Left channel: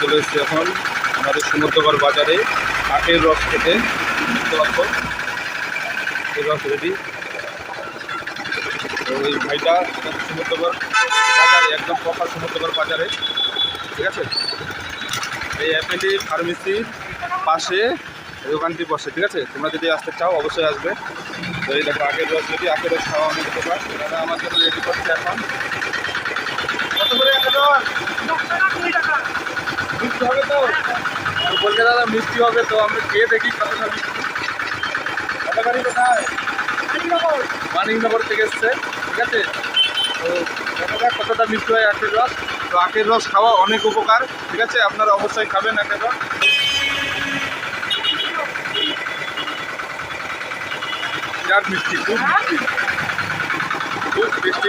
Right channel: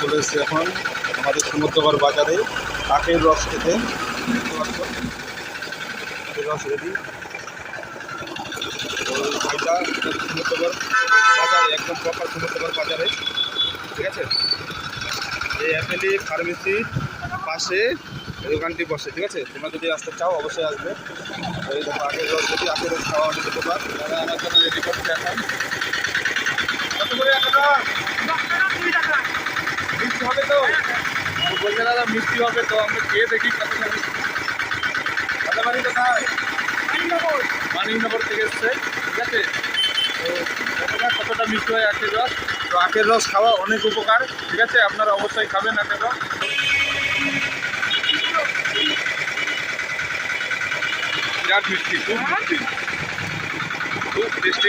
চলে এসেছি এখন আমাদের সমুদ্রগড় বাজারে আখের রস খেতে। বুঝতে পারবো আখের রস রেডি। তো এই ভাইটা সমুদ্রগড় বাজারে, একদম প্রপার সমুদ্রগড় বাজারে, ঠিক আছে। এই অ্যাপেলি ফার্মেসির পাশে এই দোকানটি বসে, ঠিক আছে। তোমরা যদি আসতে চাও অবশ্যই আসবে। তো এই দেখো আখের রস রেডি, আখের রস খাওয়া অনেক উপকার। তারা আমার জন্য রেডি করছে এখন। কত করে আখের রস? মিষ্টি হবে তো? বলছে দাদা মিষ্টি হবে, তো আমরা খেয়ে দেখি কতটা মিষ্টি। দাদা বাড়ি কোথায়? মানিকনগর থেকে এসছে, ঠিক আছে। তো দেখা যাক কতটা মিষ্টি হয় আখের রস। তো আখের রস খাওয়া অনেক উপকার, ঠিক আছে। আপনারা অবশ্যই খাবেন আখের রস। বিরাট মিষ্টি, খুব মিষ্টি, খুব মিষ্টি।